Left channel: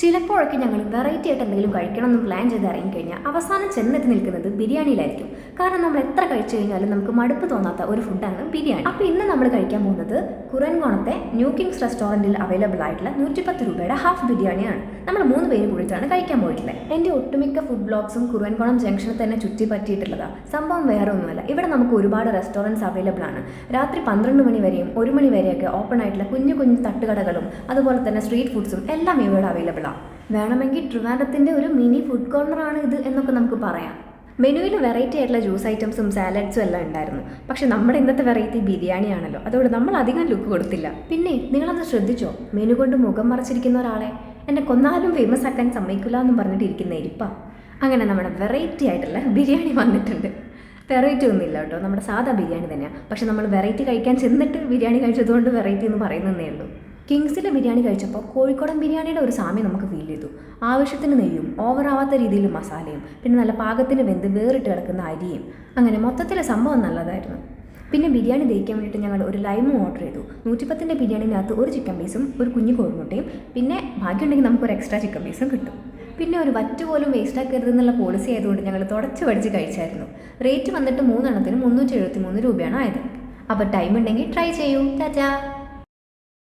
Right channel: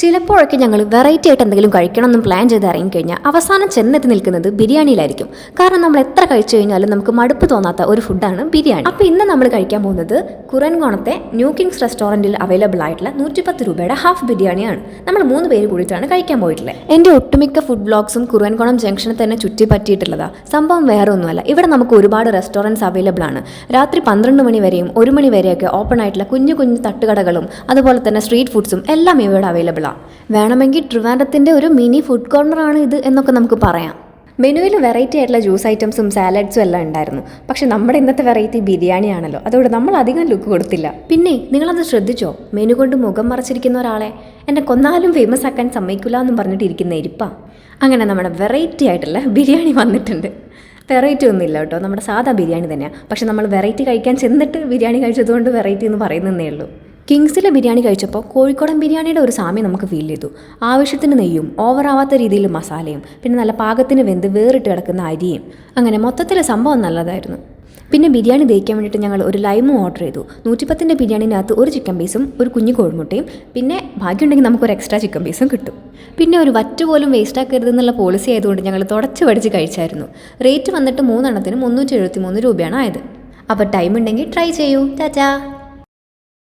ചിലപ്പോഴൊക്കെ ഞങ്ങൾ വെറൈറ്റി ആയിട്ട് എന്തെങ്കിലും കഴിക്കണമെന്നും പ്ലാൻ ചെയ്ത് ഇറങ്ങിക്കഴിഞ്ഞാൽ അവസാനം ചെന്നെത്തി നിൽക്കുന്നത് ബിരിയാണിയിലായിരിക്കും. കാരണം നമ്മൾ എത്ര കഴിച്ചു കഴിഞ്ഞാലും നമുക്ക് മടുപ്പ് തോന്നാത്ത ഒരു ഫുഡാണ് ബിരിയാണി. അപ്പോൾ ഇന്ന് നമ്മൾ കഴിക്കാൻ പോകുന്നത് കുരൻകോണത്തെ ന്യൂ കിങ്സ് റെസ്റ്റോറൻറ്റിൽ അവൈലബിൾ ആയിട്ടുള്ള 110 രൂപയുടെ ഹാഫ് ബിരിയാണിയാണ്. നമ്മൾ 3 പേര് കൂടിയിട്ടാണ് കഴിക്കാൻ പോയിട്ടുള്ളത്. എൻ്റെ ഒട്ടുമിക്ക ഫുഡ് ബ്ലോഗ്സും കുരൻകോണം ജംഗ്ഷനിൽ തന്നെ ചുറ്റി പറ്റിയിട്ടുള്ളതാണ്. സംഭവം വേറെ ഒന്നുമല്ല, ഇവിടെ നമുക്ക് ഒരുപാട് റെസ്റ്റോറൻറ്റ്സ് അവൈലബിൾ ആണ്. രാത്രി 12 മണി വരെയും 1 മണി വരെയൊക്കെ ഓപ്പൺ ആയിട്ടുള്ള കുഞ്ഞു കുഞ്ഞു തട്ടുകടകളും അതുപോലെ തന്നെ സ്ട്രീറ്റ് ഫുഡ്സും എല്ലാം ഇവിടെ അവൈലബിൾ ആണ്. വേണമെങ്കിൽ ട്രിവാൻഡ്രത്തിൻ്റെ ഒരു മിനി ഫുഡ് കോർണറാണ് ഇത് എന്നൊക്കെ നമുക്ക് പറയാം. മെനുവിൽ വെറൈറ്റി ആയിട്ടുള്ള ജ്യൂസ് ഐറ്റംസും സാലഡ്സും എല്ലാം ഉണ്ടായിരുന്നു. പക്ഷെ നമ്മുടെ ഇന്നത്തെ വെറൈറ്റി ബിരിയാണിയാണല്ലോ, അതോടെ നമ്മൾ അധികം ലുക്ക് കൊടുത്തില്ല. പിന്നെ നിങ്ങളത് ശ്രദ്ധിച്ചോ, മെനു കൊണ്ട് മുഖം മറച്ചിരിക്കുന്ന ഒരാളെ എന്നെ കൊന്നാലും ഫേമസ് ആക്കാൻ സമ്മതിക്കില്ല എന്നും പറഞ്ഞിട്ട് ഇരിക്കുന്ന ഇരിപ്പ. അങ്ങനെ നമ്മുടെ വെറൈറ്റി ആയിട്ടുള്ള ബിരിയാണി വന്നിട്ടുണ്ട്. വെറൈറ്റി ഒന്നുമില്ല കേട്ടോ, നമ്മുടെ സാധാ ബിരിയാണി തന്നെയാണ്. പക്ഷെ നമ്മൾ വെറൈറ്റി കഴിക്കാൻ ചെന്നിട്ട് ബിരിയാണി കഴിച്ചതുകൊണ്ട് വെറൈറ്റി എന്ന് പറയുന്നതേ ഉള്ളൂ. കിങ്സിലെ ബിരിയാണി കഴിച്ചപ്പോൾ കോഴിക്കോടൻ ബിരിയാണിയുടെ ഒരു സാമ്യം നമുക്ക് ഫീൽ ചെയ്തു. ആവശ്യത്തിന് നെയ്യും ഓവറാവാത്ത രീതിയിൽ മസാലയും പിന്നെ നല്ല പാകത്തിന് വെന്ത് വേറിട്ട് കിടക്കുന്ന അരിയും, അങ്ങനെ മൊത്തത്തിൽ സംഭവം നല്ലതായിരുന്നു. പിന്നെ ബിരിയാണി ദഹിക്കാൻ വേണ്ടിയിട്ട് ഞങ്ങൾ ഒരു ലൈമും ഓർഡർ ചെയ്തു. 110ൻ്റെ ബിരിയാണിനകത്ത് ഒരു ചിക്കൻ പീസും ഒരു കുഞ്ഞു കോഴിമുട്ടയും പിന്നെ ഭാഗ്യമുണ്ടെങ്കിൽ നമുക്കൊരു എക്സ്ട്രാ ചിക്കൻ പീസും കിട്ടും. പിന്നെ ഒരു വറ്റ് പോലും വേസ്റ്റ് ആക്കരുതെന്നുള്ള പോളിസി ആയതുകൊണ്ട് ഞങ്ങൾ തുടച്ച് പഠിച്ച് കഴിച്ചായിരുന്നു. റേറ്റ് വന്നിട്ട് 3 എണ്ണത്തിന് 373 രൂപയാണ് ആയത്. അപ്പോൾ ടൈം ഉണ്ടെങ്കിൽ ട്രൈ ചെയ്യൂ. ചാച്ചാ.